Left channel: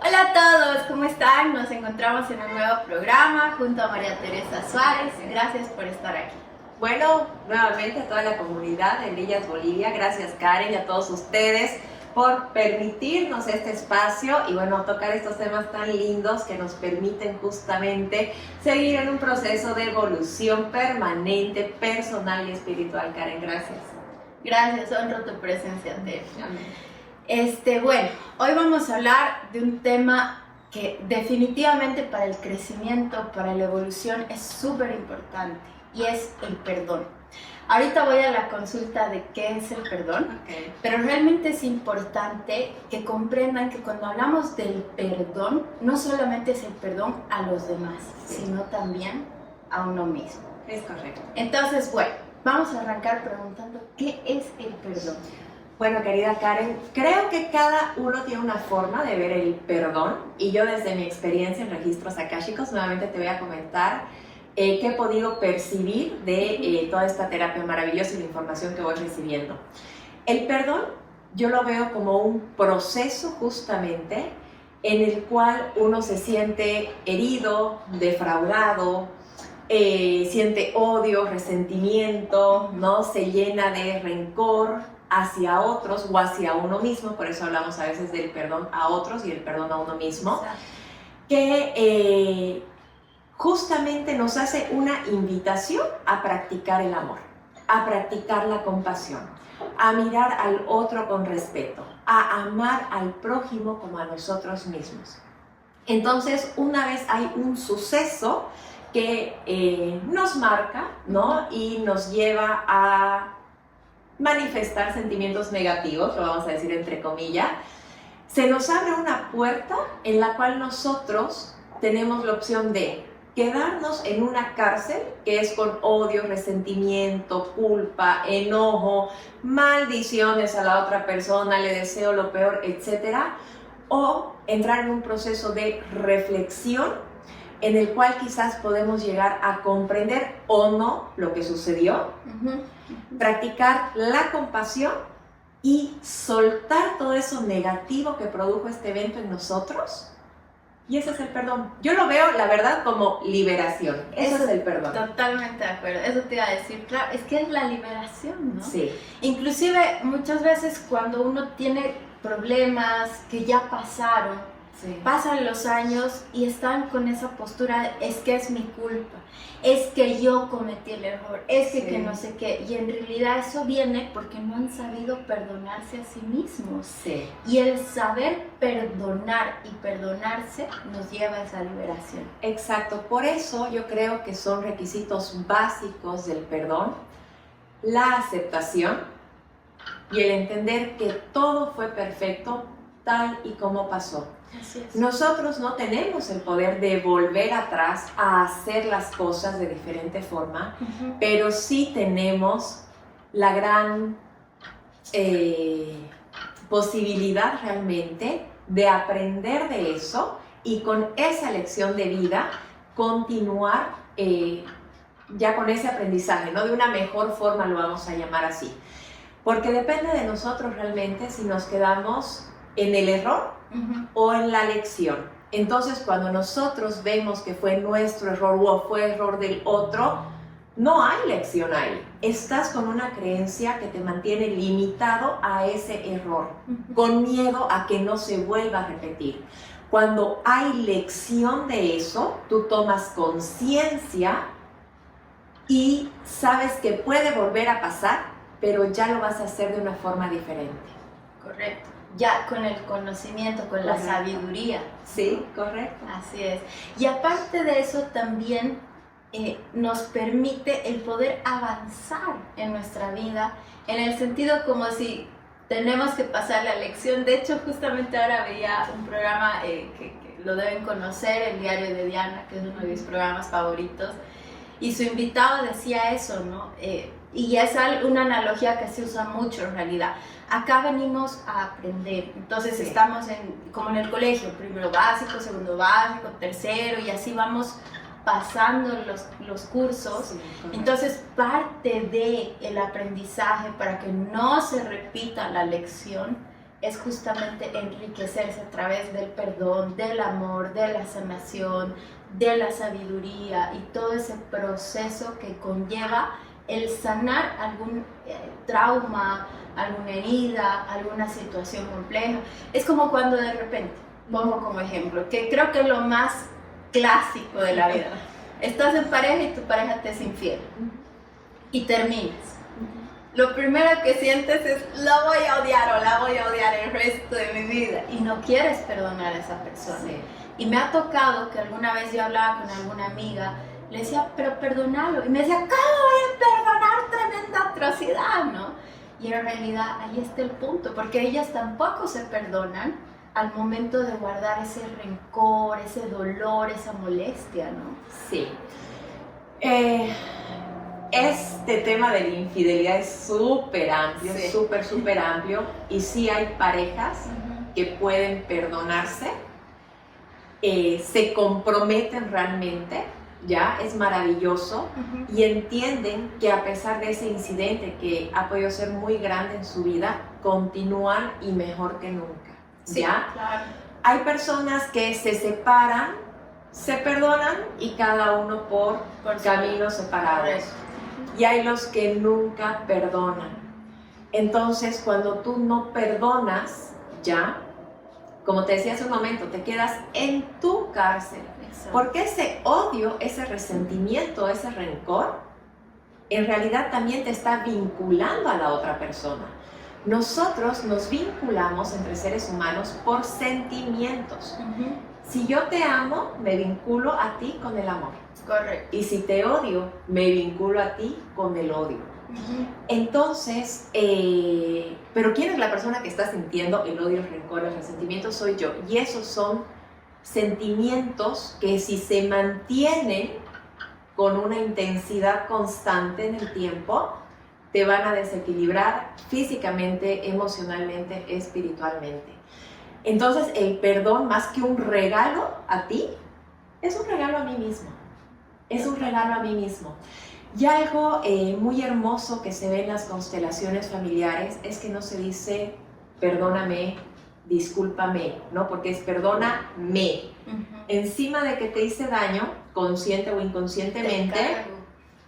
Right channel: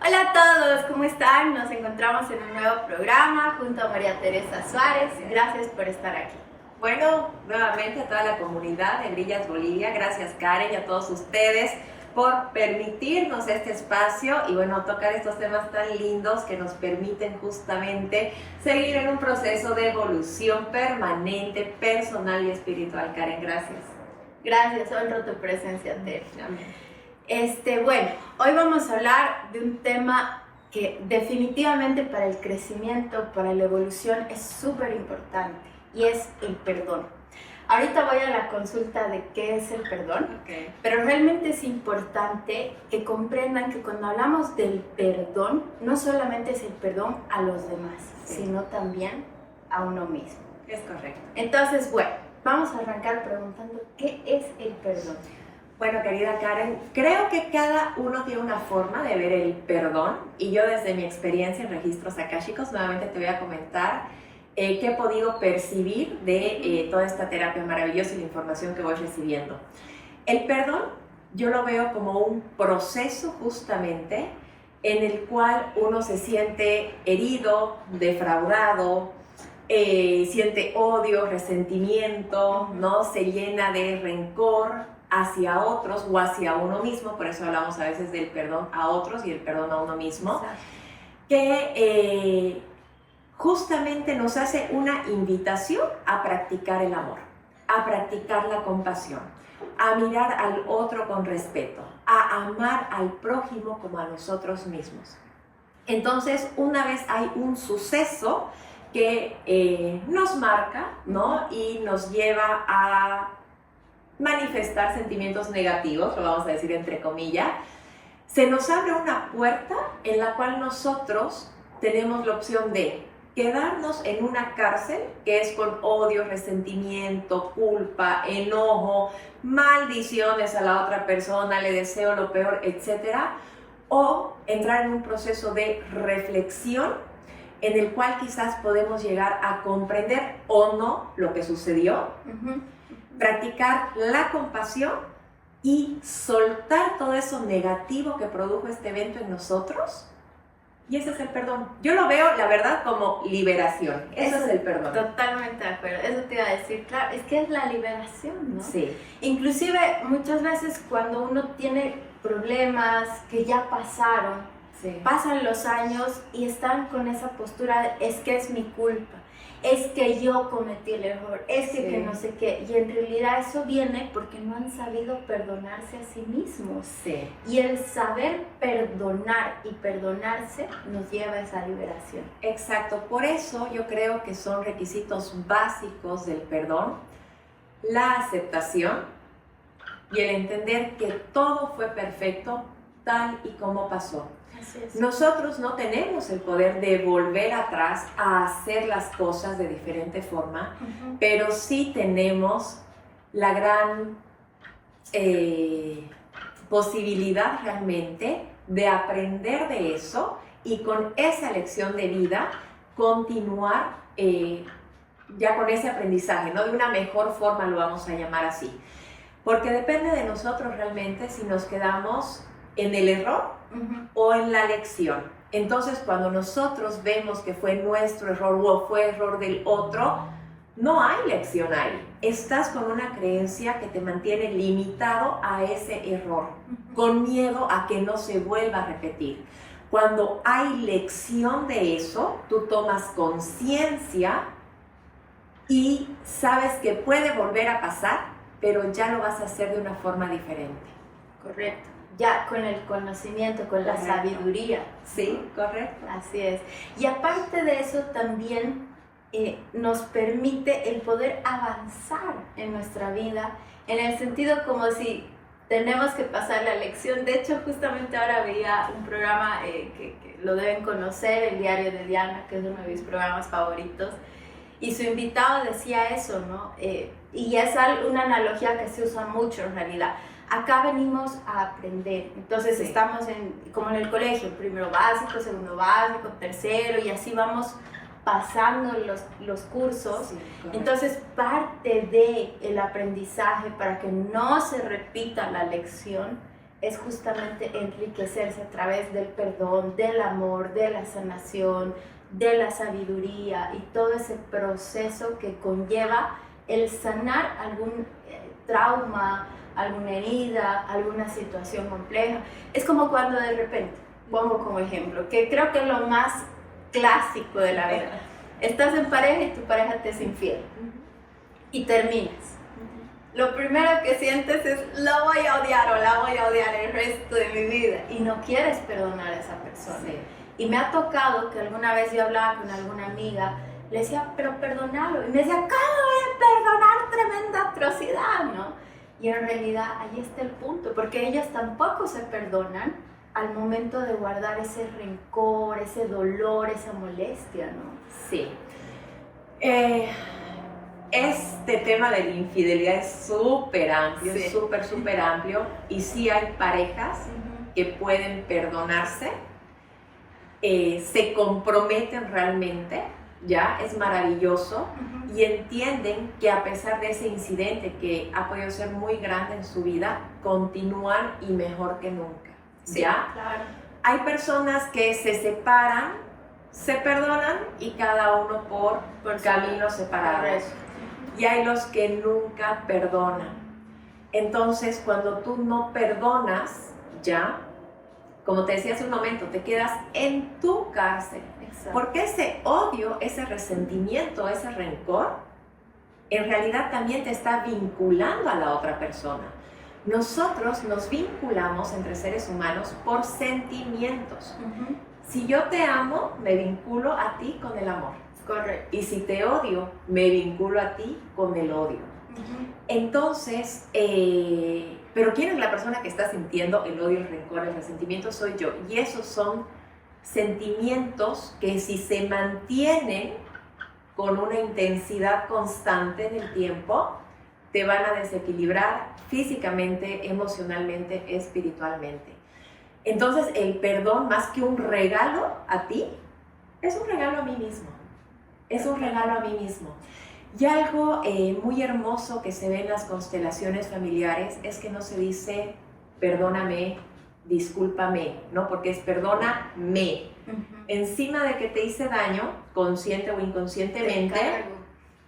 Hola a todos, ¿cómo están? Nos encontramos en un nuevo programa junto a María Teresa Suárez. Gracias por estar aquí. Bueno, nuevamente a toda la comunidad de Brillas Bolivia, gracias Karen y a todos ustedes por permitirnos este espacio y bueno, tocar estos temas tan lindos que nos permiten justamente seguir en un proceso de evolución permanente, personal y espiritual. Karen, gracias. Gracias, honro tu presencia, Ter. Bueno, hoy vamos a hablar de un tema que definitivamente para el crecimiento, para la evolución es súper importante y es el perdón. Ahorita voy a la consulta de qué es el perdón, pero realmente es importante que comprendan que cuando hablamos del perdón, no solamente es el perdón a los demás, sino también a uno mismo. Es correcto. Entonces, bueno, vamos a arrancar preguntando qué es el perdón. Bueno, querida Karen, creo que cada uno tiene una forma de ver el perdón y yo desde mi experiencia en registros akáshicos nuevamente te voy a comentar qué he podido percibir de toda esta terapia maravillosa y la información que voy recibiendo. El perdón yo lo veo como un proceso justamente en el cual uno se siente herido, defraudado, siente odio, resentimiento, ¿no? Se llena de rencor hacia otros o hacia uno mismo, por eso hablamos a veces del perdón a otros y el perdón a uno mismo. Exacto. Que justamente nos hace una invitación a practicar el amor, a practicar la compasión, a mirar al otro con respeto, a amar al prójimo como a nosotros mismos. Entonces, una vez hay un suceso que nos marca, ¿no? Y nos lleva a manifestar sentimientos negativos, lo vamos a decir entre comillas, se nos abre una puerta en la cual nosotros tenemos la opción de quedarnos en una cárcel que es con odio, resentimiento, culpa, enojo, maldiciones a la otra persona, le deseo lo peor, etc. O entrar en un proceso de reflexión en el cual quizás podemos llegar a comprender o no lo que sucedió, practicar la compasión y soltar todo eso negativo que produjo este evento en nosotros. Y ese es el perdón. Yo lo veo, la verdad, como liberación. Eso es el perdón. Totalmente de acuerdo. Eso te iba a decir. Claro, es que es la liberación, ¿no? Sí. Inclusive, muchas veces cuando uno tiene problemas que ya pasaron, sí, pasan los años y están con esa postura de, es que es mi culpa, es que yo cometí el error, es que no sé qué, y en realidad eso viene porque no han sabido perdonarse a sí mismos. Sí. Y el saber perdonar y perdonarse nos lleva a esa liberación. Exacto, por eso yo creo que son requisitos básicos del perdón, la aceptación y el entender que todo fue perfecto tal y como pasó. Nosotros no tenemos el poder de volver atrás a hacer las cosas de diferente forma, pero sí tenemos la gran posibilidad realmente de aprender de eso y con esa lección de vida continuar ya con ese aprendizaje, ¿no? De una mejor forma lo vamos a llamar así, porque depende de nosotros realmente si nos quedamos en el error o en la lección. Entonces, cuando nosotros vemos que fue nuestro error o fue error del otro, no hay lección ahí. Estás con una creencia que te mantiene limitado a ese error, con miedo a que no se vuelva a repetir. Cuando hay lección de eso, tú tomas conciencia y sabes que puede volver a pasar, pero ya lo vas a hacer de una forma diferente. Correcto. Ya con el conocimiento, con la sabiduría. Sí, correcto. Así es. Y aparte de eso también nos permite el poder avanzar en nuestra vida, en el sentido como si tenemos que pasar la lección. De hecho, justamente ahora veía un programa que lo deben conocer, El Diario de Diana, que es uno de mis programas favoritos, y su invitado decía eso, ¿no? Y es una analogía que se usa mucho en realidad. Acá venimos a aprender, entonces estamos como en el colegio, primero básico, segundo básico, tercero, y así vamos pasando los cursos. Entonces parte del aprendizaje para que no se repita la lección es justamente enriquecerse a través del perdón, del amor, de la sanación, de la sabiduría y todo ese proceso que conlleva el sanar algún trauma, alguna herida, alguna situación compleja. Es como cuando de repente, pongo como ejemplo, que creo que es lo más clásico de la vida. Estás en pareja y tu pareja te es infiel y terminas. Lo primero que sientes es, la voy a odiar o la voy a odiar el resto de mi vida, y no quieres perdonar a esa persona. Sí. Y me ha tocado que alguna vez yo hablaba con alguna amiga, le decía, pero perdónalo, y me decía, ¿cómo voy a perdonar tremenda atrocidad, no? Y en realidad ahí está el punto, porque ellas tampoco se perdonan al momento de guardar ese rencor, ese dolor, esa molestia, ¿no? Sí. Este tema de la infidelidad es súper amplio, Sí. súper amplio, y sí hay parejas que pueden perdonarse, se comprometen realmente, ya, es maravilloso, y entienden que a pesar de ese incidente que ha podido ser muy grande en su vida, continúan y mejor que nunca, Sí, ¿ya? claro. Hay personas que se separan, se perdonan y cada uno por caminos separados. Correcto. Y hay los que nunca perdonan. Entonces, cuando tú no perdonas, ya, como te decía hace un momento, te quedas en tu cárcel. Exacto. Porque ese odio, ese resentimiento, ese rencor, en realidad también te está vinculando a la otra persona. Nosotros nos vinculamos entre seres humanos por sentimientos. Si yo te amo, me vinculo a ti con el amor. Correcto. Y si te odio, me vinculo a ti con el odio. Entonces, pero ¿quién es la persona que está sintiendo el odio, el rencor, el resentimiento? Soy yo. Y esos son sentimientos que si se mantienen con una intensidad constante en el tiempo, te van a desequilibrar físicamente, emocionalmente, espiritualmente. Entonces, el perdón, más que un regalo a ti, es un regalo a mí mismo. Es un regalo a mí mismo. Y algo muy hermoso que se ve en las constelaciones familiares es que no se dice perdóname, discúlpame, ¿no? Porque es perdóname. Encima de que te hice daño, consciente o inconscientemente,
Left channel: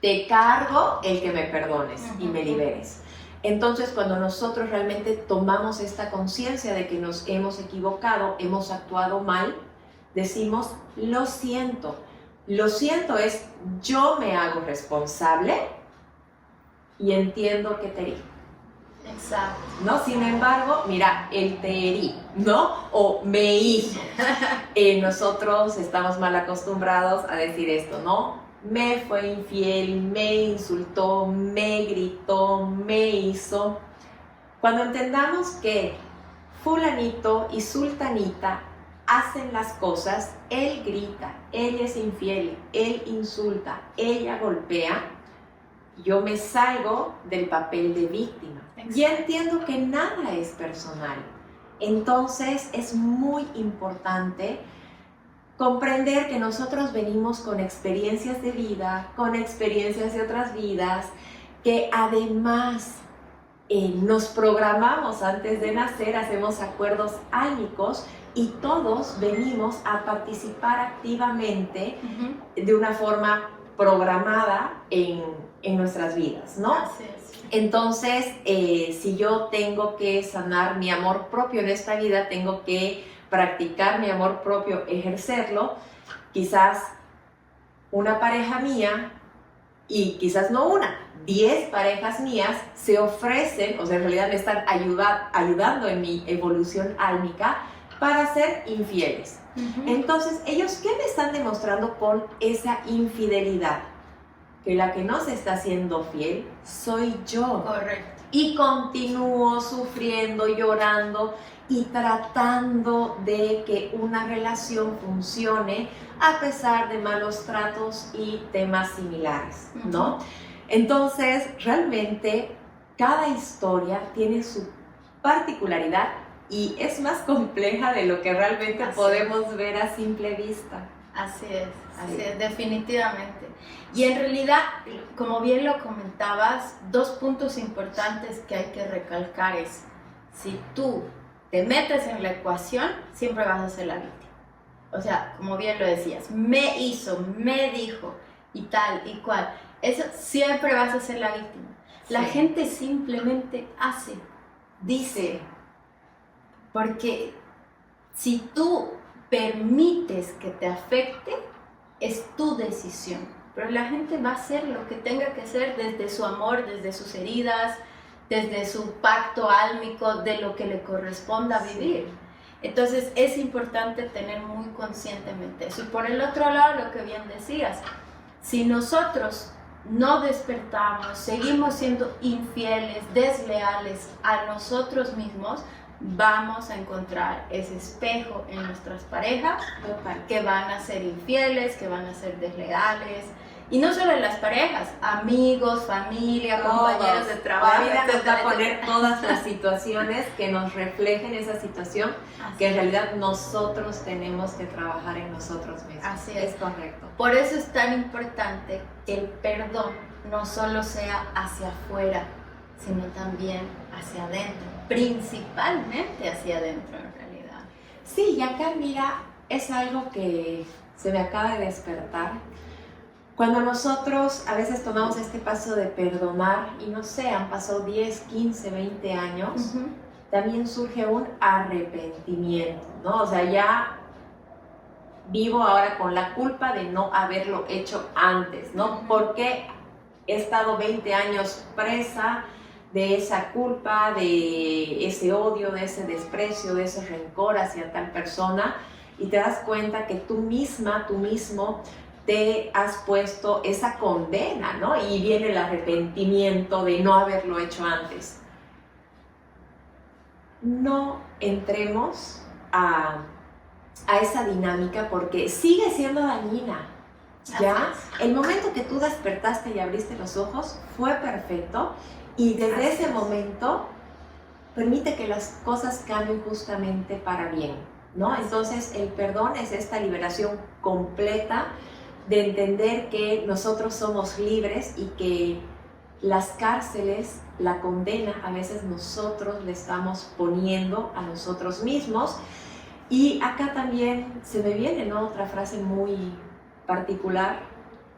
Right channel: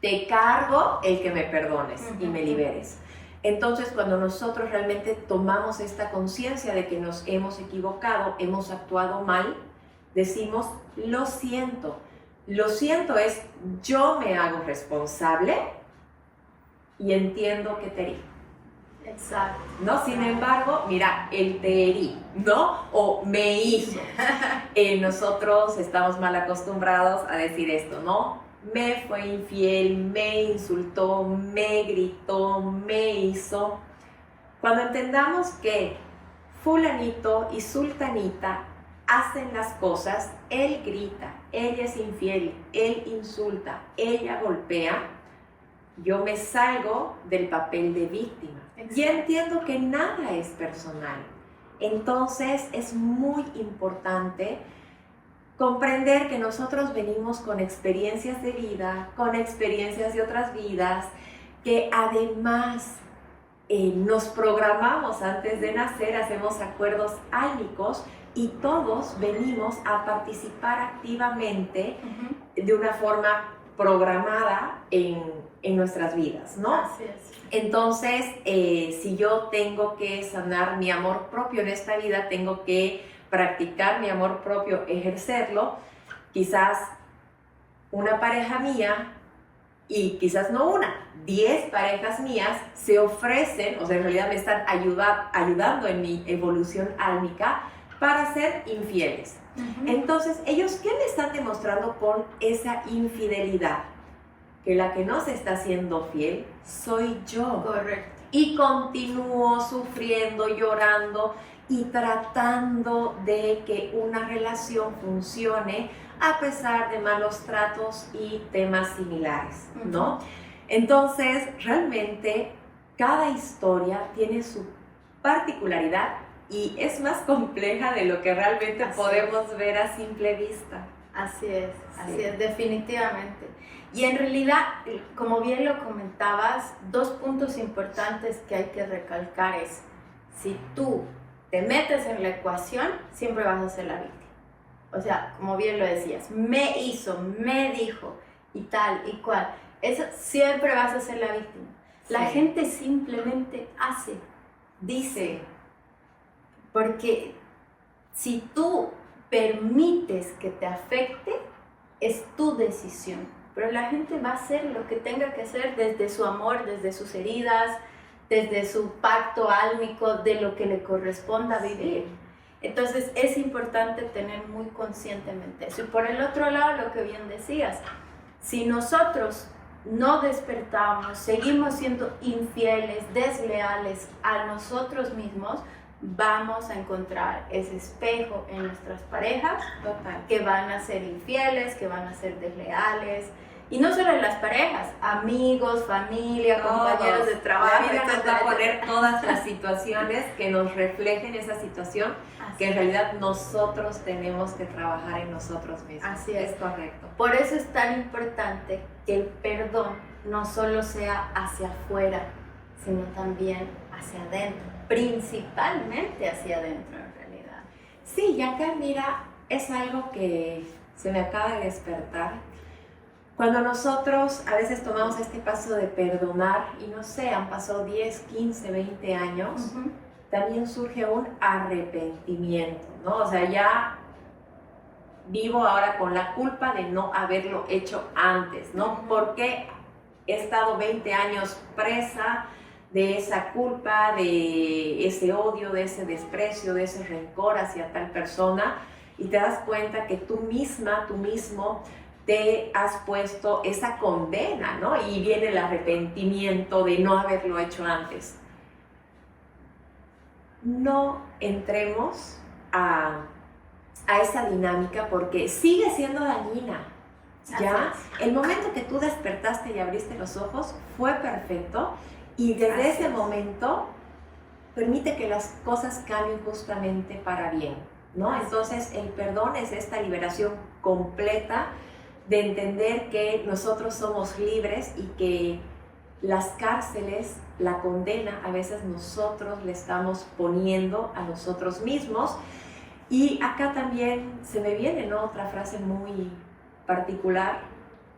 te cargo el que me perdones y me liberes. Entonces, cuando nosotros realmente tomamos esta conciencia de que nos hemos equivocado, hemos actuado mal, decimos, lo siento. Lo siento es, yo me hago responsable y entiendo que te herí. Exacto. ¿No? Sin embargo, mira, él te herí, ¿no? O me hizo. Nosotros estamos mal acostumbrados a decir esto, ¿no? Me fue infiel, me insultó, me gritó, me hizo. Cuando entendamos que fulanito y sultanita hacen las cosas, él grita, ella es infiel, él insulta, ella golpea, yo me salgo del papel de víctima. Y entiendo que nada es personal. Entonces es muy importante comprender que nosotros venimos con experiencias de vida, con experiencias de otras vidas, que además nos programamos antes de nacer, hacemos acuerdos álmicos y todos venimos a participar activamente de una forma programada en nuestras vidas, ¿no? Así es. Entonces, si yo tengo que sanar mi amor propio en esta vida, tengo que practicar mi amor propio, ejercerlo. Quizás una pareja mía, y quizás no una, 10 parejas mías se ofrecen, o sea, en realidad me están ayudando en mi evolución álmica para ser infieles. Entonces, ¿ellos qué me están demostrando con esa infidelidad? Que la que no se está haciendo fiel soy yo. Correcto. Y continúo sufriendo, llorando y tratando de que una relación funcione a pesar de malos tratos y temas similares, ¿no? Entonces, realmente, cada historia tiene su particularidad y es más compleja de lo que realmente podemos ver a simple vista. Así es, así Sí. es, definitivamente. Y en realidad, como bien lo comentabas, dos puntos importantes que hay que recalcar es, si tú te metes en la ecuación, siempre vas a ser la víctima. O sea, como bien lo decías, me hizo, me dijo y tal y cual. Eso siempre vas a ser la víctima. La gente simplemente hace, dice, porque si tú permites que te afecte, es tu decisión. Pero la gente va a hacer lo que tenga que hacer desde su amor, desde sus heridas, desde su pacto álmico, de lo que le corresponda vivir. Entonces es importante tener muy conscientemente eso. Y por el otro lado, lo que bien decías, si nosotros no despertamos, seguimos siendo infieles, desleales a nosotros mismos, vamos a encontrar ese espejo en nuestras parejas. Total. Que van a ser infieles, que van a ser desleales. Y no solo en las parejas, amigos, familia, compañeros de trabajo. La vida nos va a poner todas las situaciones que nos reflejen esa situación, que en realidad nosotros tenemos que trabajar en nosotros mismos. Así es. Es correcto. Por eso es tan importante que el perdón no solo sea hacia afuera, sino también hacia adentro, principalmente hacia adentro en realidad. Sí, y acá mira, es algo que se me acaba de despertar. Cuando nosotros a veces tomamos este paso de perdonar, y no sé, han pasado 10, 15, 20 años, también surge un arrepentimiento, ¿no? O sea, ya vivo ahora con la culpa de no haberlo hecho antes, ¿no? Porque he estado 20 años presa de esa culpa, de ese odio, de ese desprecio, de ese rencor hacia tal persona, y te das cuenta que tú misma, tú mismo, te has puesto esa condena, ¿no? Y viene el arrepentimiento de no haberlo hecho antes. No entremos a esa dinámica porque sigue siendo dañina. ¿Ya? El momento que tú despertaste y abriste los ojos fue perfecto, y desde ese momento permite que las cosas cambien justamente para bien, ¿no? Entonces el perdón es esta liberación completa de entender que nosotros somos libres y que las cárceles, la condena, a veces nosotros le estamos poniendo a nosotros mismos. Y acá también se me viene, ¿no?, otra frase muy particular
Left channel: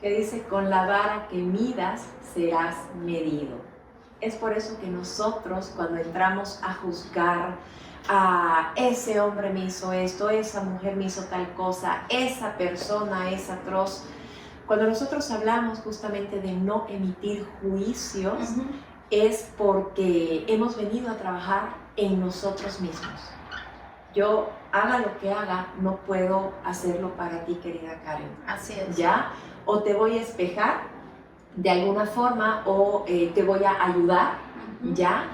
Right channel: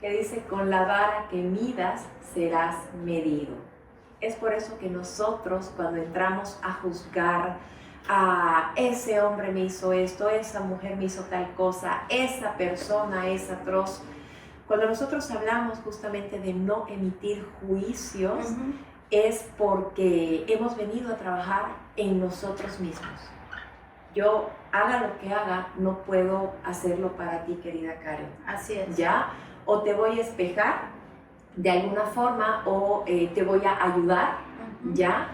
que dice: con la vara que midas serás medido. Es por eso que nosotros, cuando entramos a juzgar, ese hombre me hizo esto, esa mujer me hizo tal cosa, esa persona es atroz, cuando nosotros hablamos justamente de no emitir juicios, es porque hemos venido a trabajar en nosotros mismos. Yo, haga lo que haga, no puedo hacerlo para ti, querida Karen. Así es. ¿Ya? O te voy a espejar de alguna forma, o te voy a ayudar, ¿ya?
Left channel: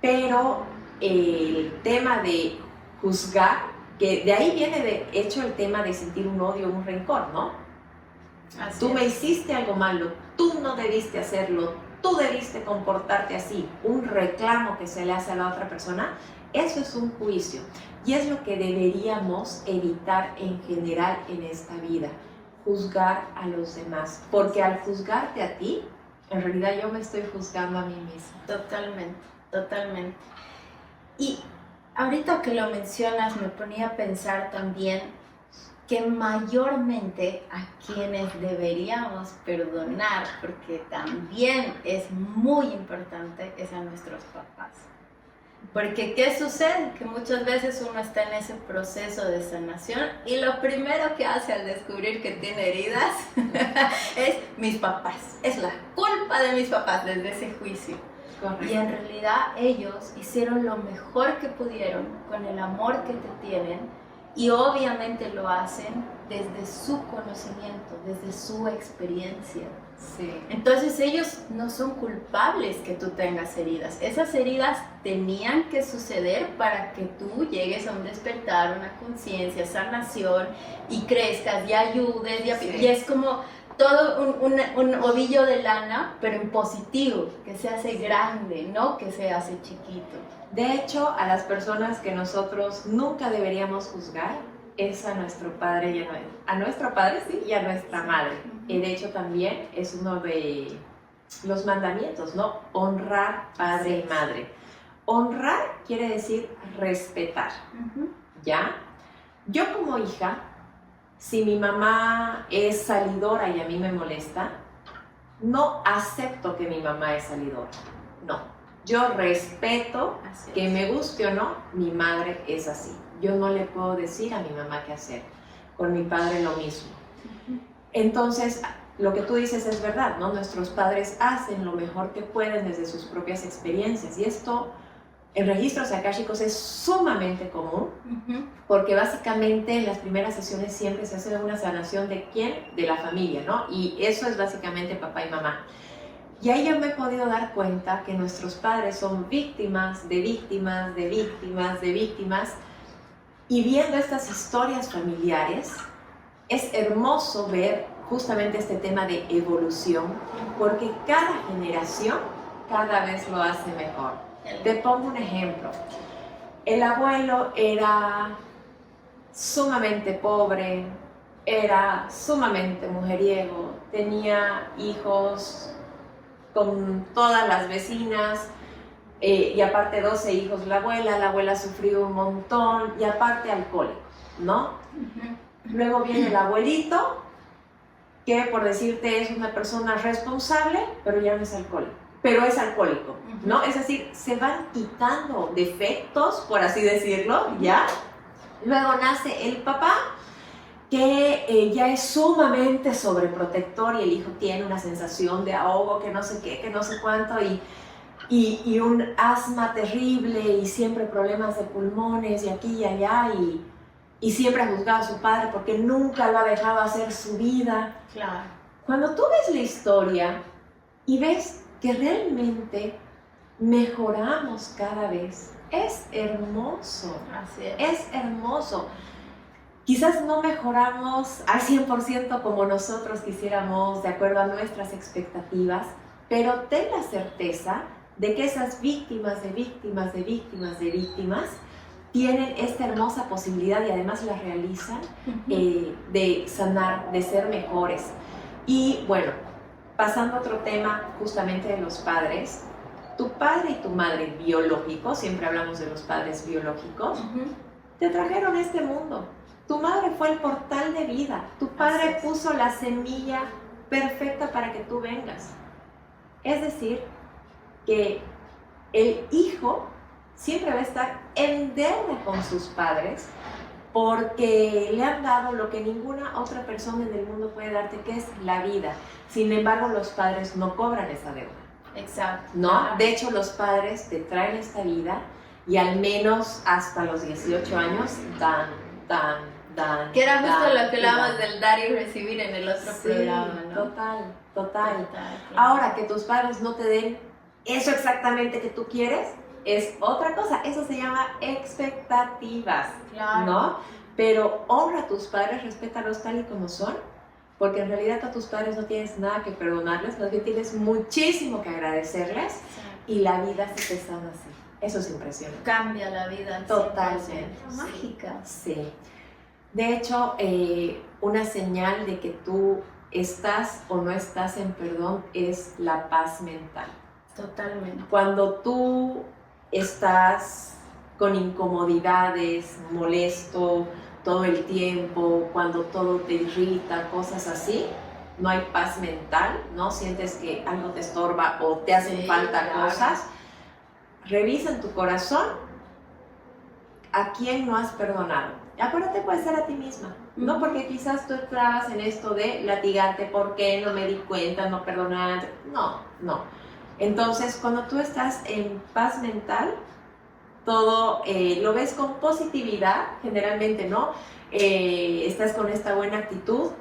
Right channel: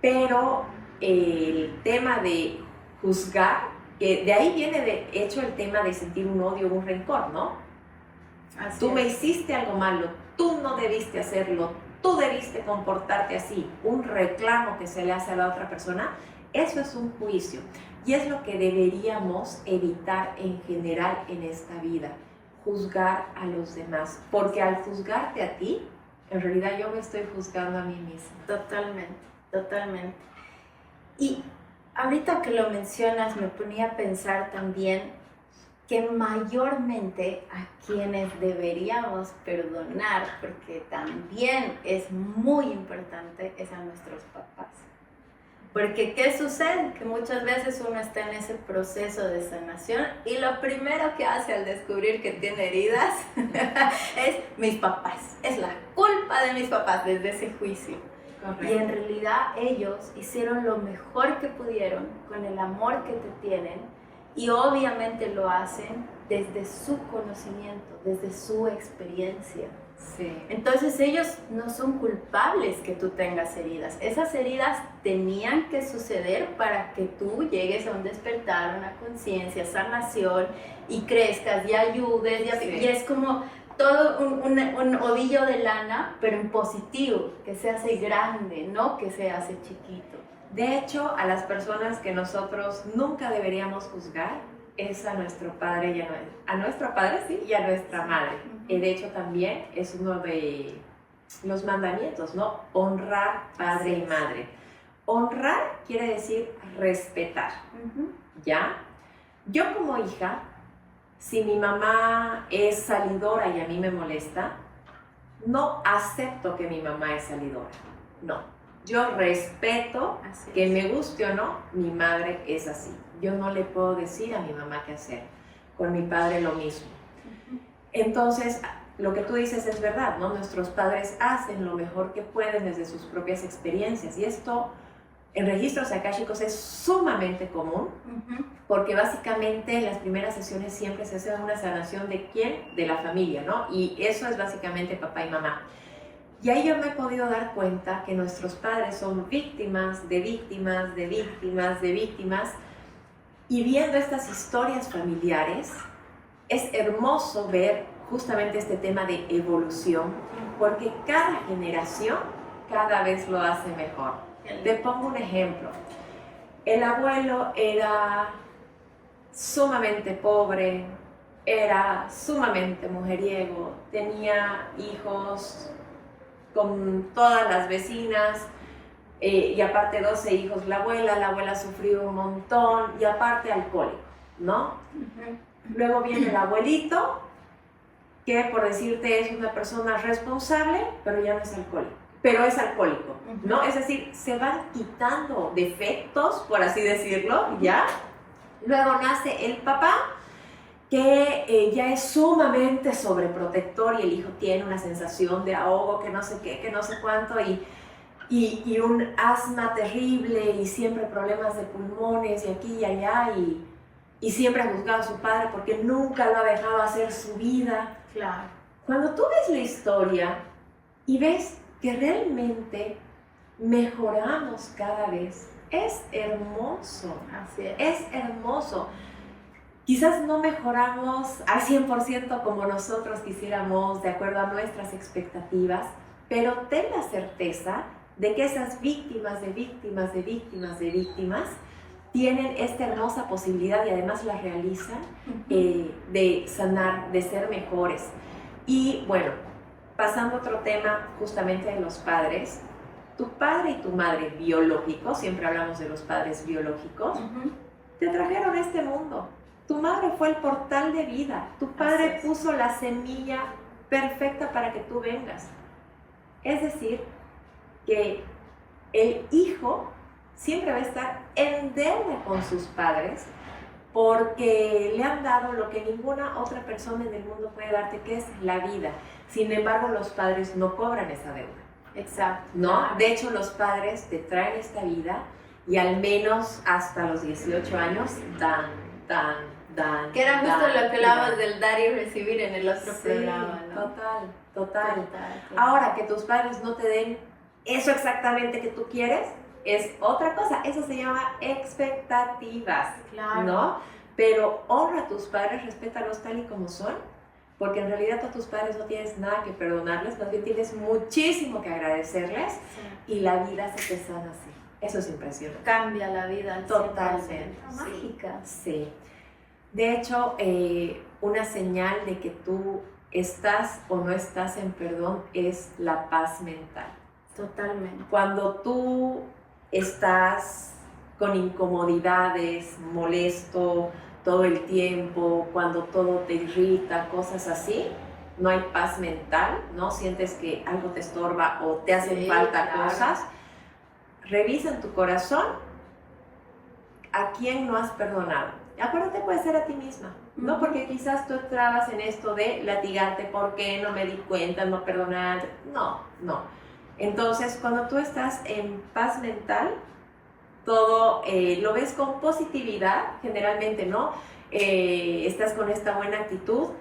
Pero el tema de juzgar, que de ahí viene de hecho el tema de sentir un odio, un rencor, ¿no? Así tú es. me hiciste algo malo, tú no debiste hacerlo, tú debiste comportarte así, un reclamo que se le hace a la otra persona, eso es un juicio. Y es lo que deberíamos evitar en general en esta vida, juzgar a los demás. Porque al juzgarte a ti, en realidad yo me estoy juzgando a mí misma. Totalmente, totalmente. Y ahorita que lo mencionas, me ponía a pensar también que mayormente a quienes deberíamos perdonar, porque también es muy importante, es a nuestros papás. Porque ¿qué sucede? Que muchas veces uno está en ese proceso de sanación y lo primero que hace al descubrir que tiene heridas es mis papás. Es la culpa de mis papás desde ese juicio. Correcto. Y en realidad ellos hicieron lo mejor que pudieron con el amor que te tienen, y obviamente lo hacen desde su conocimiento, desde su experiencia. Sí. Entonces ellos no son culpables que tú tengas heridas. Esas heridas tenían que suceder para que tú llegues a un despertar, una conciencia, sanación, y crezcas y ayudes. Y es como todo un ovillo de lana, pero en positivo, que se hace grande, no que se hace chiquito. De hecho, a las personas que nosotros nunca deberíamos juzgar es a nuestro padre y a nuestro padre, sí, y a nuestra madre. Y de hecho también es uno de los mandamientos, ¿no? Honrar padre y madre. Honrar quiere decir respetar, ¿ya? Yo como hija, si mi mamá es salidora y a mí me molesta, no acepto que mi mamá es salidora, no. Yo respeto que me guste o no, mi madre es así. Yo no le puedo decir a mi mamá qué hacer. Con mi padre lo mismo. Entonces, lo que tú dices es verdad, ¿no? Nuestros padres hacen lo mejor que pueden desde sus propias experiencias. Y esto en registros akáshicos es sumamente común, porque básicamente en las primeras sesiones siempre se hace una sanación de quién, de la familia, ¿no? Y eso es básicamente papá y mamá. Y ahí yo me he podido dar cuenta que nuestros padres son víctimas de víctimas, de víctimas, de víctimas. Y viendo estas historias familiares, es hermoso ver justamente este tema de evolución, porque cada generación cada vez lo hace mejor. Te pongo un ejemplo. El abuelo era sumamente pobre, era sumamente mujeriego, tenía hijos con todas las vecinas, y aparte 12 hijos la abuela sufrió un montón, y aparte alcohólico, ¿no? Luego viene el abuelito, que por decirte es una persona responsable, pero ya no es alcohólico. Pero es alcohólico, ¿no? Es decir, se van quitando defectos, por así decirlo, ¿ya? Luego nace el papá, que ya es sumamente sobreprotector y el hijo tiene una sensación de ahogo, que no sé qué, que no sé cuánto, y un asma terrible y siempre problemas de pulmones y aquí y allá, y siempre ha juzgado a su padre porque nunca lo ha dejado hacer su vida. Claro. Cuando tú ves la historia y ves que realmente mejoramos cada vez, es hermoso. Así es. Es hermoso. Quizás no mejoramos al 100% como nosotros quisiéramos, de acuerdo a nuestras expectativas, pero ten la certeza de que esas víctimas de víctimas de víctimas de víctimas tienen esta hermosa posibilidad y además la realizan, de sanar, de ser mejores. Y bueno, pasando a otro tema justamente de los padres, tu padre y tu madre biológicos, siempre hablamos de los padres biológicos, te trajeron a este mundo. Tu madre fue el portal de vida, tu padre puso la semilla perfecta para que tú vengas. Es decir, que el hijo siempre va a estar en deuda con sus padres porque le han dado lo que ninguna otra persona en el mundo puede darte, que es la vida. Sin embargo, los padres no cobran esa deuda. Exacto. ¿No? Claro. De hecho, los padres te traen esta vida y al menos hasta los 18 años dan. Que era justo lo que hablábamos dan. del dar y recibir en el otro programa, ¿no? Total. Ahora, que tus padres no te den eso exactamente que tú quieres, es otra cosa. Eso se llama expectativas, Claro. ¿no? Pero honra a tus padres, respétalos tal y como son, porque en realidad a tus padres no tienes nada que perdonarles, más bien tienes muchísimo que agradecerles, y la vida se te sana así. Eso es impresionante. Cambia la vida al Totalmente. 100%. Mágica. Sí. De hecho, una señal de que tú estás o no estás en perdón es la paz mental. Totalmente. Cuando tú estás con incomodidades, molesto todo el tiempo, cuando todo te irrita, cosas así, no hay paz mental, ¿no? Sientes que algo te estorba o te hacen falta cosas. Revisa en tu corazón a quién no has perdonado. Acuérdate, puede ser a ti misma, ¿no? Porque quizás tú entrabas en esto de latigarte, ¿por qué no me di cuenta, no perdonar? No. Entonces, cuando tú estás en paz mental, todo lo ves con positividad, generalmente, ¿no? Estás con esta buena actitud,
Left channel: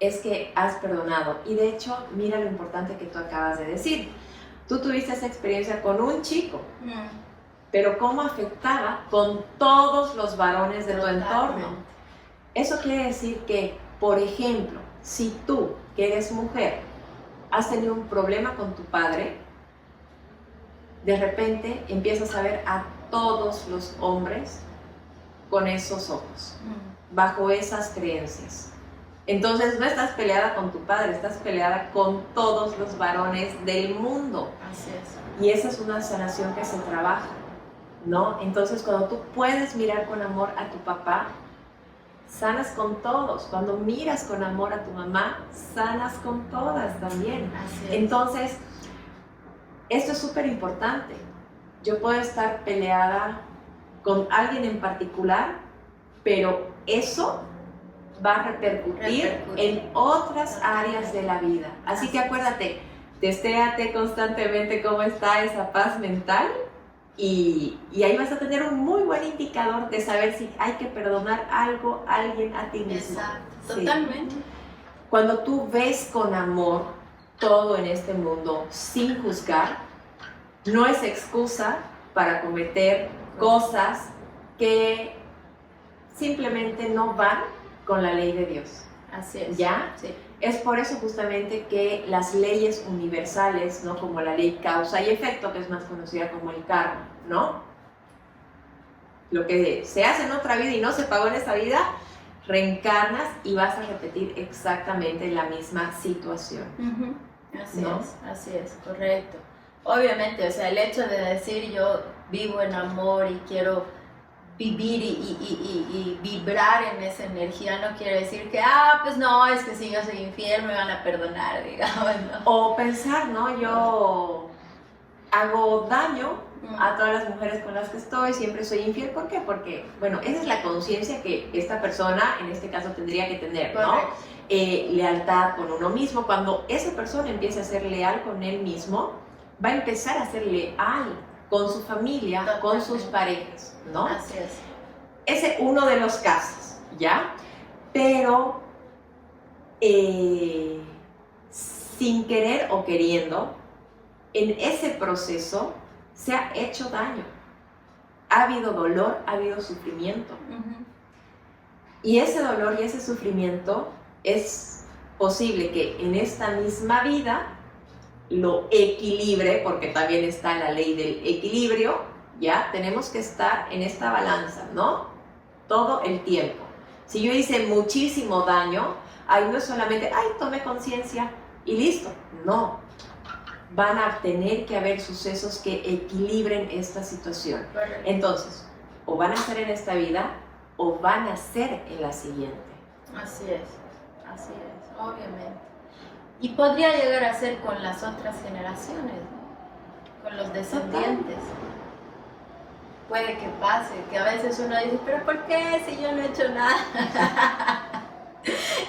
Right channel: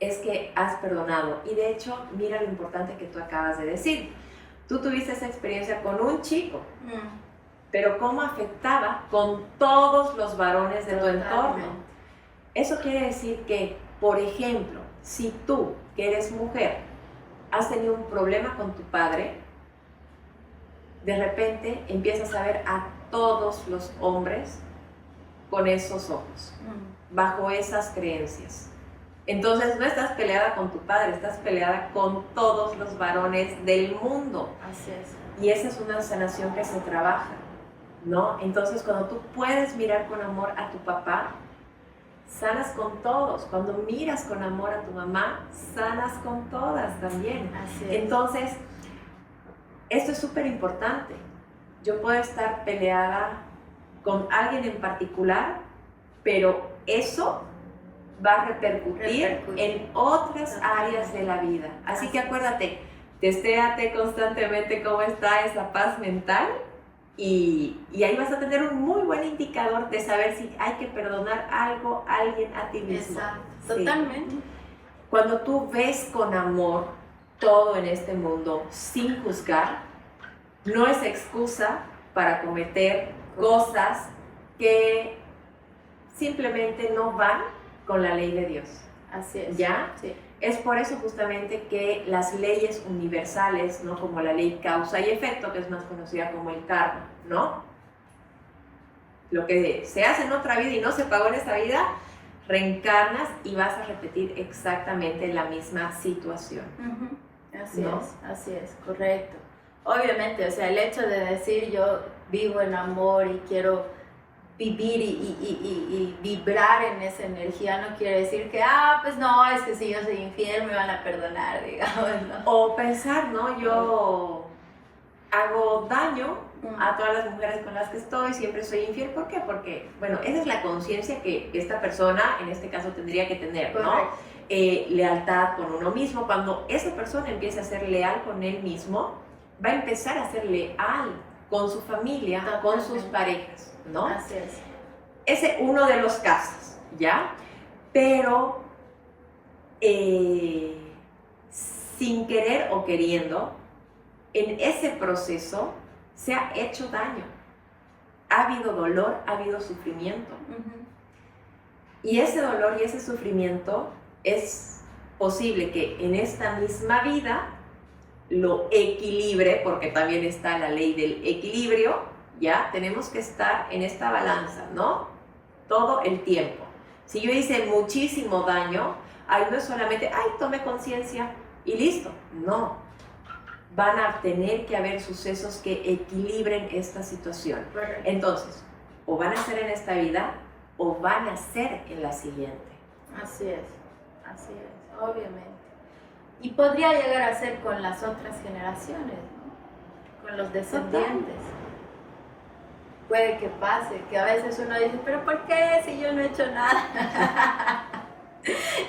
es que has perdonado. Y de hecho, mira lo importante que tú acabas de decir. Tú tuviste esa experiencia con un chico, pero cómo afectaba con todos los varones de tu entorno. Eso quiere decir que, por ejemplo, si tú, que eres mujer, has tenido un problema con tu padre, de repente empiezas a ver a todos los hombres con esos ojos, bajo esas creencias. Entonces no estás peleada con tu padre, estás peleada con todos los varones del mundo. Así es. Y esa es una sanación que se trabaja, ¿no? Entonces, cuando tú puedes mirar con amor a tu papá, sanas con todos. Cuando miras con amor a tu mamá, sanas con todas también. Así es. Entonces, esto es súper importante. Yo puedo estar peleada con alguien en particular, pero eso va a repercutir en otras áreas de la vida. Así que acuérdate, testéate constantemente cómo está esa paz mental y ahí vas a tener un muy buen indicador de saber si hay que perdonar algo, a alguien, a ti mismo. Exacto, Sí. totalmente. Cuando tú ves con amor todo en este mundo sin juzgar, no es excusa para cometer cosas que simplemente no van con la ley de Dios. Así es. ¿Ya? Sí. Es por eso justamente que las leyes universales, ¿no? Como la ley causa y efecto, que es más conocida como el karma, ¿no? Lo que se hace en otra vida y no se pagó en esta vida, reencarnas y vas a repetir exactamente la misma situación. Así ¿No? así es, correcto. Obviamente, o sea, el hecho de decir yo vivo en amor y quiero vivir y vibrar en esa energía no quiere decir que, pues no, es que si yo soy infiel me van a perdonar, digamos, ¿no? O pensar, ¿no? Yo hago daño a todas las mujeres con las que estoy, siempre soy infiel. ¿Por qué? Porque, bueno, esa es la conciencia que esta persona, en este caso, tendría que tener, ¿no? Correcto. Lealtad con uno mismo. Cuando esa persona empiece a ser leal con él mismo, va a empezar a ser leal con su familia, con sus parejas, ¿no? Así es. Ese es uno de los casos, ¿ya? Pero sin querer o queriendo, en ese proceso se ha hecho daño. Ha habido dolor, ha habido sufrimiento. Y ese dolor y ese sufrimiento es posible que en esta misma vida lo equilibre, porque también está la ley del equilibrio, ¿ya? Tenemos que estar en esta balanza, ¿no? Todo el tiempo. Si yo hice muchísimo daño, ahí no es solamente, tome conciencia y listo. No. Van a tener que haber sucesos que equilibren esta situación. Correcto. Entonces, o van a ser en esta vida, o van a ser en la siguiente. Así es, obviamente. Y podría llegar a ser con las otras generaciones, ¿no? Con los descendientes. Puede que pase, que a veces uno dice, pero ¿por qué si yo no he hecho nada?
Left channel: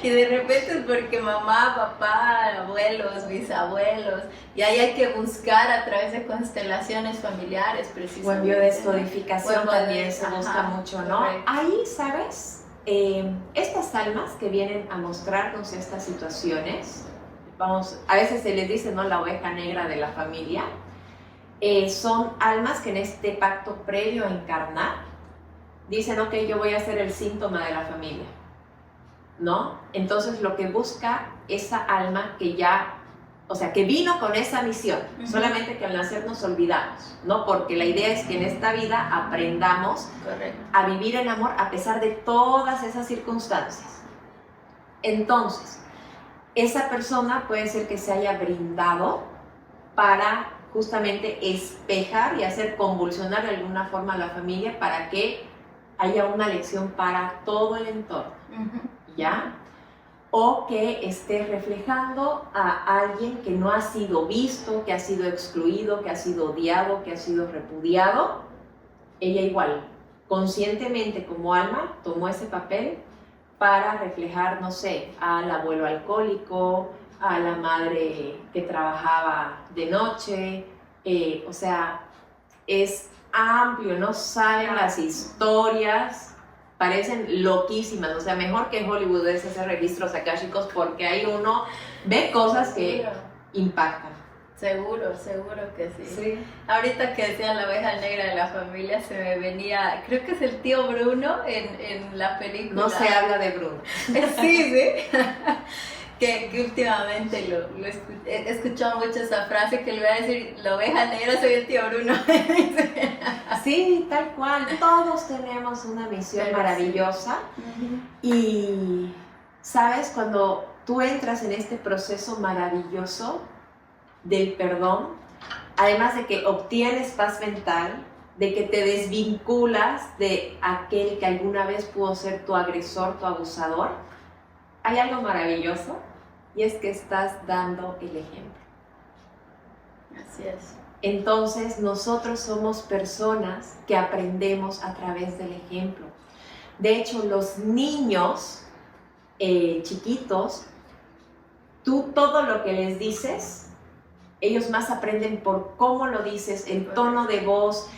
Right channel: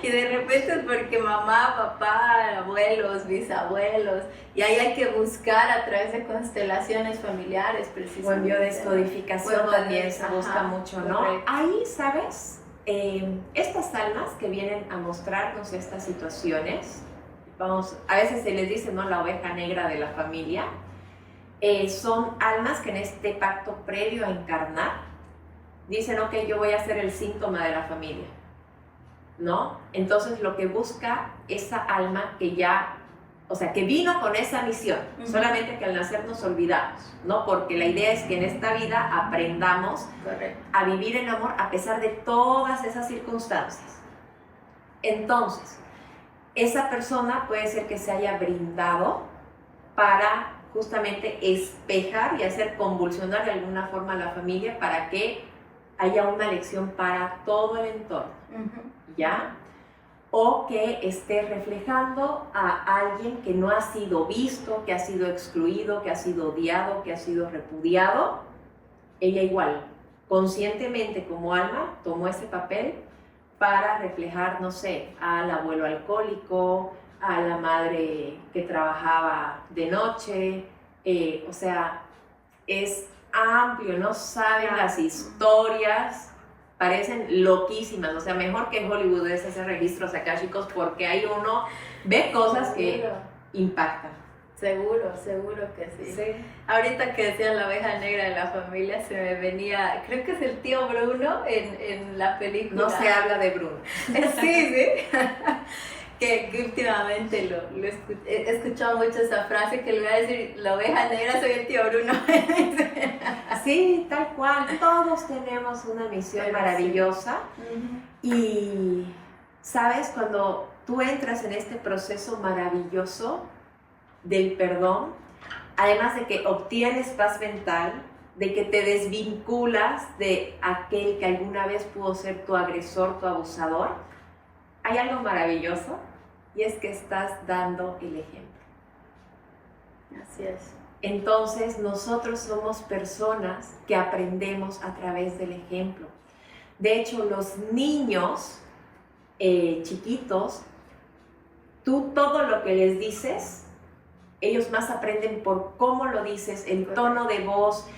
Y de repente es porque mamá, papá, abuelos, bisabuelos, y ahí hay que buscar a través de constelaciones familiares precisamente. O en biodescodificación ¿no? también se busca mucho, ¿no? Correcto. Ahí, ¿sabes? Estas almas que vienen a mostrarnos estas situaciones, a veces se les dice, ¿no? La oveja negra de la familia, son almas que en este pacto previo a encarnar dicen, ok, yo voy a ser el síntoma de la familia, ¿no? Entonces lo que busca esa alma que ya, o sea, que vino con esa misión, solamente que al nacer nos olvidamos, ¿no? Porque la idea es que en esta vida aprendamos Correcto. a vivir en amor a pesar de todas esas circunstancias. Entonces, esa persona puede ser que se haya brindado para justamente espejar y hacer convulsionar de alguna forma a la familia para que haya una lección para todo el entorno, ¿ya? O que esté reflejando a alguien que no ha sido visto, que ha sido excluido, que ha sido odiado, que ha sido repudiado. Ella igual, conscientemente como alma, tomó ese papel para reflejar, no sé, al abuelo alcohólico, a la madre que trabajaba de noche, o sea, es amplio, no saben las historias, parecen loquísimas, o sea, mejor que en Hollywood es hacer registros akáshicos porque ahí uno ve cosas que impactan. Seguro que sí. Ahorita que decía la oveja negra de la familia, se me venía, creo que es el tío Bruno en la película. No se habla de Bruno. Sí. que últimamente he escuchado mucho esa frase que le voy a decir, la oveja negra soy el tío Bruno. Sí, tal cual. Todos tenemos una misión maravillosa. Y, ¿sabes? Cuando tú entras en este proceso maravilloso del perdón, además de que obtienes paz mental, de que te desvinculas de aquel que alguna vez pudo ser tu agresor, tu abusador, hay algo maravilloso y es que estás dando el ejemplo. Así es. Entonces nosotros somos personas que aprendemos a través del ejemplo. De hecho, los niños chiquitos, tú todo lo que les dices, ellos más aprenden por cómo lo dices, el tono de voz,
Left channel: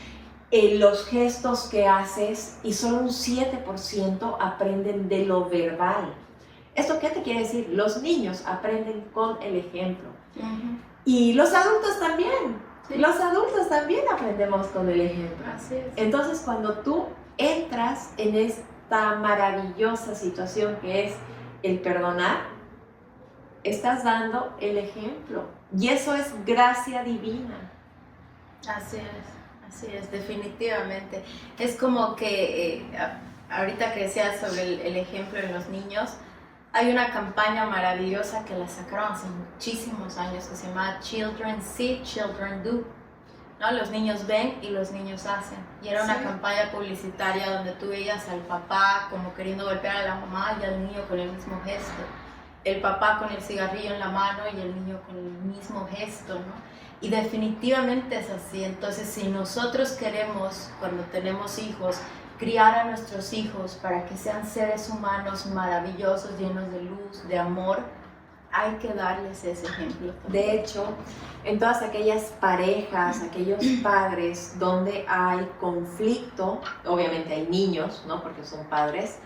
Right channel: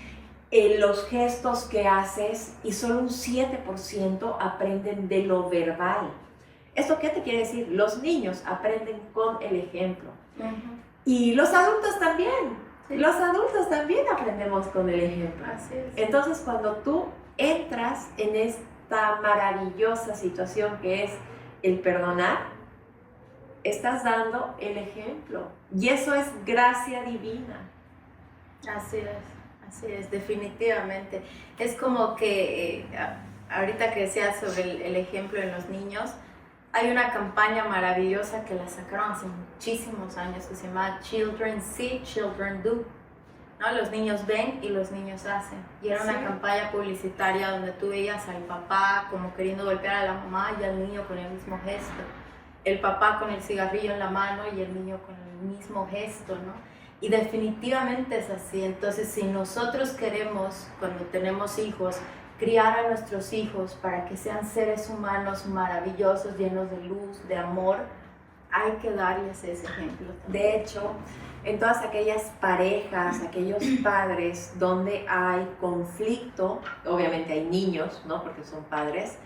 los gestos que haces, y solo un 7% aprenden de lo verbal. ¿Esto qué te quiere decir? Los niños aprenden con el ejemplo. Y los adultos también. Sí. Los adultos también aprendemos con el ejemplo. Así es. Entonces, cuando tú entras en esta maravillosa situación que es el perdonar, estás dando el ejemplo. Y eso es gracia divina. Así es, definitivamente. Es como que ahorita que decías sobre el ejemplo de los niños, hay una campaña maravillosa que la sacaron hace muchísimos años que se llama Children See, Children Do, ¿no? Los niños ven y los niños hacen. Y era una campaña publicitaria donde tú veías al papá como queriendo golpear a la mamá y al niño con el mismo gesto. El papá con el cigarrillo en la mano y el niño con el mismo gesto, ¿no? Y definitivamente es así. Entonces, si nosotros queremos, cuando tenemos hijos, criar a nuestros hijos para que sean seres humanos maravillosos, llenos de luz, de amor, hay que darles ese ejemplo. De hecho, en todas aquellas parejas, aquellos padres donde hay conflicto, obviamente hay niños, ¿no? Porque son padres,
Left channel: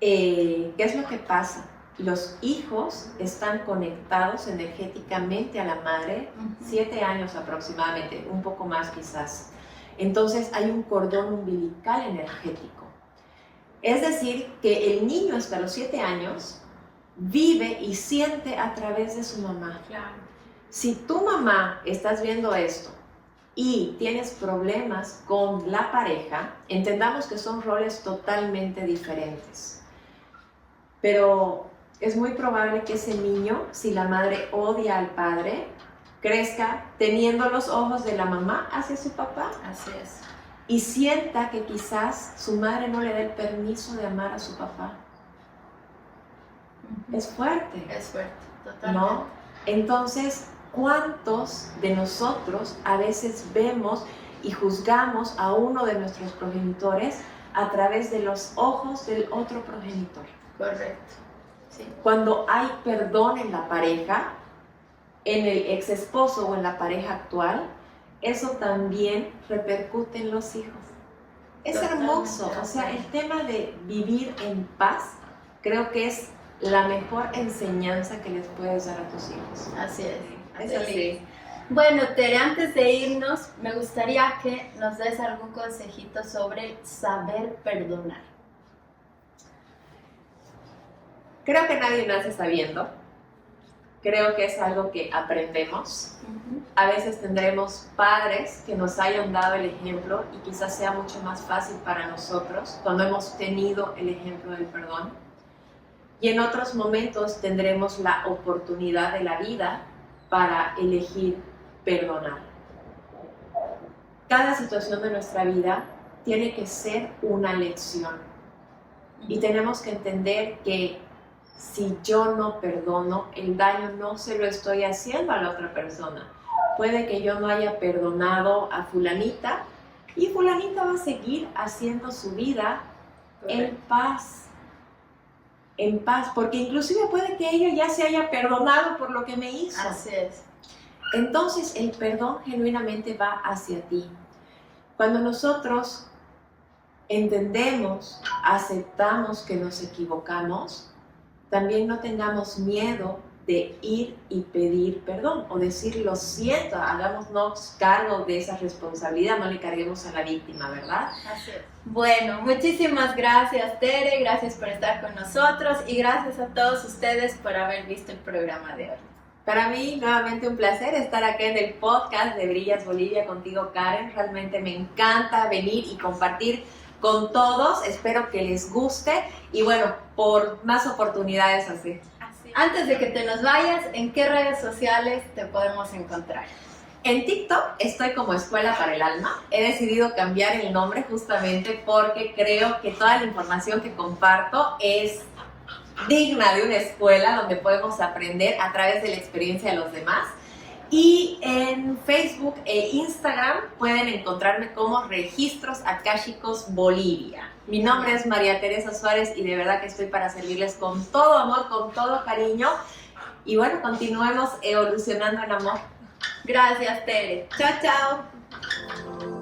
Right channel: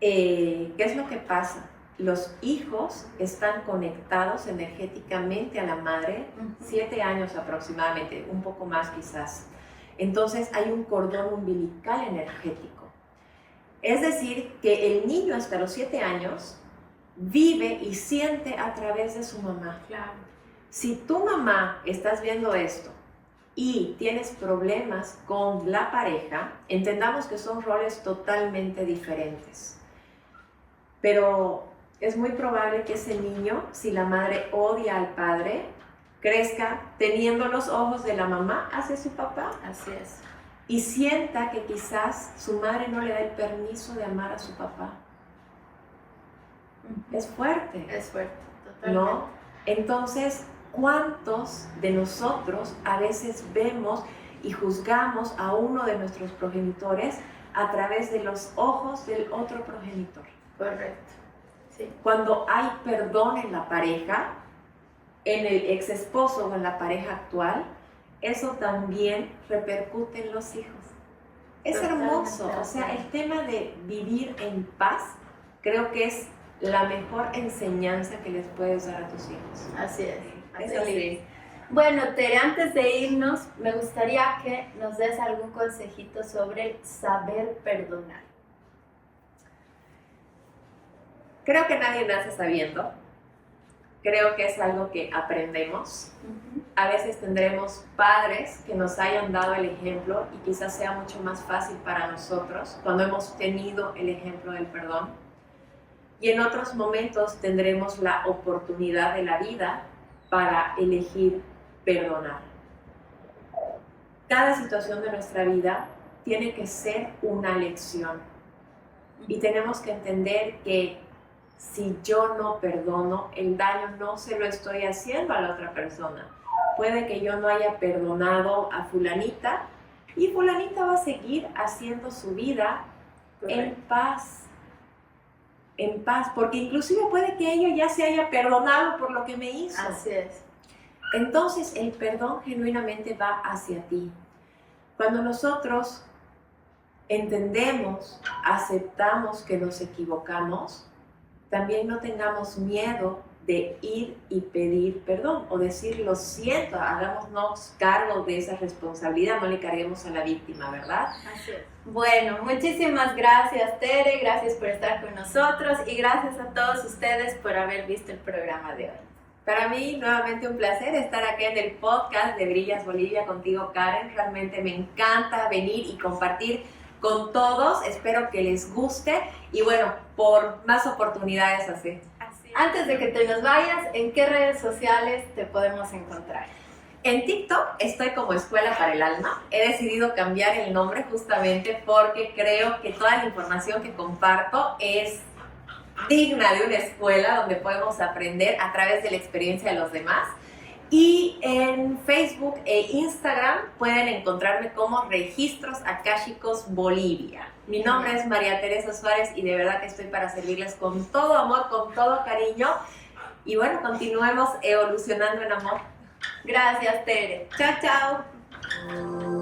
¿qué es lo que pasa? Los hijos están conectados energéticamente a la madre, 7 años aproximadamente, un poco más quizás. Entonces hay un cordón umbilical energético. Es decir, que el niño hasta los 7 años vive y siente a través de su mamá. Claro. Si tu mamá estás viendo esto y tienes problemas con la pareja, entendamos que son roles totalmente diferentes. Pero es muy probable que ese niño, si la madre odia al padre, crezca teniendo los ojos de la mamá hacia su papá. Así es. Y sienta que quizás su madre no le dé permiso de amar a su papá. Es fuerte. Es fuerte, totalmente. ¿No? Entonces, ¿cuántos de nosotros a veces vemos y juzgamos a uno de nuestros progenitores a través de los ojos del otro progenitor? Correcto. Sí. Cuando hay perdón en la pareja, en el ex esposo o en la pareja actual, eso también repercute en los hijos. Es hermoso, o sea, el tema de vivir en paz, creo que es la mejor enseñanza que les puedes dar a tus hijos. Así es. Es así. Bueno, Tere, antes de irnos, me gustaría que nos des algún consejito sobre el saber perdonar. Creo que nadie nace sabiendo. Creo que es algo que aprendemos. A veces tendremos padres que nos hayan dado el ejemplo y quizás sea mucho más fácil para nosotros cuando hemos tenido el ejemplo del perdón. Y en otros momentos tendremos la oportunidad de la vida para elegir perdonar. Cada situación de nuestra vida tiene que ser una lección. Y tenemos que entender que si yo no perdono, el daño no se lo estoy haciendo a la otra persona. Puede que yo no haya perdonado a fulanita y fulanita va a seguir haciendo su vida en paz. En paz, porque inclusive puede que ella ya se haya perdonado por lo que me hizo. Así es. Entonces el perdón genuinamente va hacia ti. Cuando nosotros entendemos, aceptamos que nos equivocamos, también no tengamos miedo de ir y pedir perdón o decir lo siento, hagámonos cargo de esa responsabilidad, no le carguemos a la víctima, ¿verdad? Así es. Bueno, muchísimas gracias, Tere, gracias por estar con nosotros y gracias a todos ustedes por haber visto el programa de hoy. Para mí, nuevamente un placer estar aquí en el podcast de Brillas Bolivia contigo, Karen. Realmente me encanta venir y compartir con todos. Espero que les guste y bueno, por más oportunidades así. Antes de que te nos vayas, ¿en qué redes sociales te podemos encontrar? En TikTok estoy como Escuela para el Alma. He decidido cambiar el nombre justamente porque creo que toda la información que comparto es digna de una escuela donde podemos aprender a través de la experiencia de los demás. Y en Facebook e Instagram pueden encontrarme como Registros Akáshicos Bolivia. Mi nombre es María Teresa Suárez y de verdad que estoy para servirles con todo amor, con todo cariño. Y bueno, continuemos evolucionando en amor. Gracias, Tere. Chao, chao.